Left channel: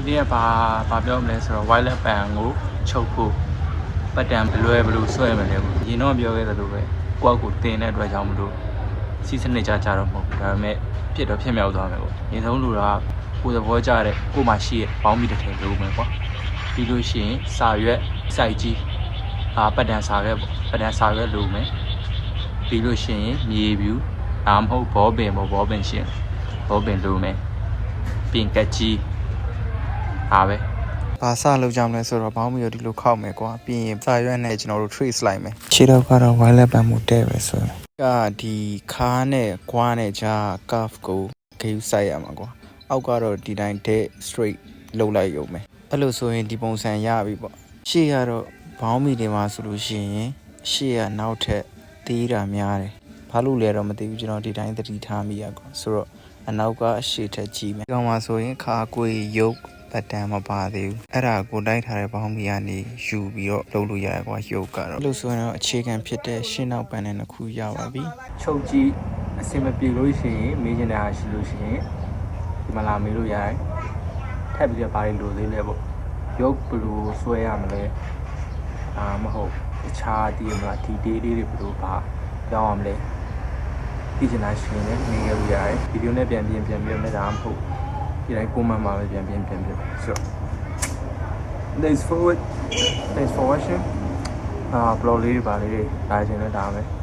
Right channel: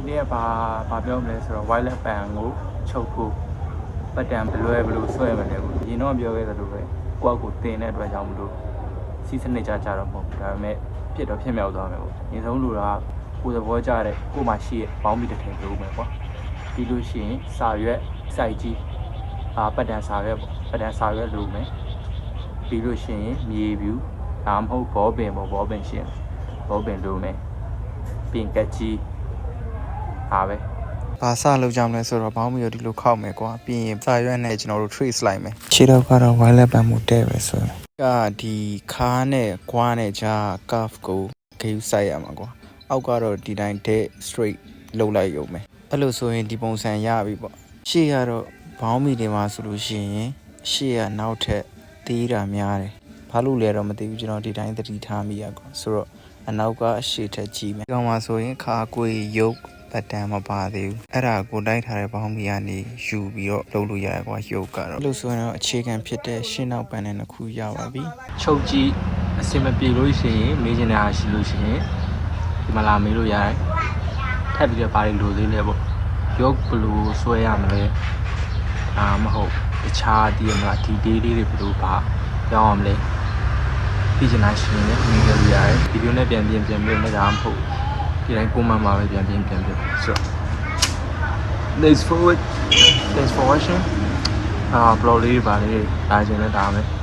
ဒီနေ့ကဘာပြောမလဲဆိုတော့ wireless band ကိုချုပ်ဖို့ပတ်တန်ဘလွယ်ဘလို့ဆွဲမယ်လေပေါ့ရင်တော့ပြောခဲ့သလိုပဲကိုယ့်အကူတင်တဲ့အတွက်ကြောင့်မလို့စီးစနစ်ကြတော့မဟုတ်ဘူးဒါပေမဲ့ဖြစ်တော့ဖြစ်မြောက်သွားမယ်ပေါ့ရင်ဆုံးလူကကိုယ်သဘောကျတဲ့ကိုယ်မှရှိရဲ့ပေါင်းပြီးတစ်ထည်လို့မယ်ပေါ့ပြီးလို့ရှိရင်စာရွက်စိုက်ကြီးပတ်တန်စာရွက်ပေါ့ပတ်တန်စာရွက်လို့မယ်ပြီးလို့ရှိရင်မြေပြူမဟုတ်ဘောပင်ဘောပင်ရှင်ဘောပင်လို့မယ်ပြင်ကက်ကြီးဟာပဲဘာစလုပ်ကြမလဲဆိုတော့ဘောင်းမီကိုဒီလိုခောက်မယ်ကွာပြီးရင်စာရွက်နဲ့ကျွန်တော်တို့ trace လိုက်မယ်ခြေတော့ကတော့ wireless band မို့တဲ့ပဲဆိုရင်ဒီခါးနဲ့ကွားနဲ့ကြား curve ကိုဂိမ်းစိုက်ရမှာကွာအောက်ကတော့ဒီတိုင်းတဲ့ straight လုပ်လိုက်ရုံပဲအဲ့လိုဆိုရင်ဒီပုံစံရပြီပေါ့ရှေ့ကတော့ဘောင်းမီတွေမှာဆိုလို့ရှိရင်ရှေ့ကနောက်ထပ်သေးတာများတယ်ဘာလို့လဲတော့မသိဘူးကျွန်တော်ဒီတိုင်းသတိထားမိရကွာဆိုတော့အနောက်ကရှေ့ထက်ကြီးမယ်ဒီကောင်မှာဆိုရင်ခါကိုရုပ်ပတ်တန်မပါသေးဘူးအဲ့ဒါကိုတိုက်ထားတဲ့ဘောင်းမီကနေယူပြီးတော့လုပ်လို့ရရကွာရုပ်ကတော့အဲ့လိုဆိုရင်တော့အခြေခံဖြစ်တဲ့ရှင်းနောက်ပန်းနဲ့တစ်ခုရပါပြီချုပ်ကြည့်အစင်မပြေလို့ရှိရင်မေးချင်တာရှိလို့ရှိရင်ဒီမှာလာမေးလို့ရတယ်ထပ်ပြီးတော့ဘာတွေလိုသေးလဲပေါ့ရုပ်ဘယ်လိုဆွဲရမလဲမဟုတ်တခြားဒီမှာဒီဒေးလေးတွေဘယ်လိုပါပြောင်းအောင်လဲဒီချင်တာရှိရင်လည်းမေးလို့ရတယ်ဗီဒီယိုနဲ့ပြန်ပြင်နေတာမဟုတ်ဒီတိုင်းပုံမှန်ပါပဲပြန်ဆိုတော့ thanks for watching ဘလော့လေးပါလေဒါကျင်လည်းဒါပဲ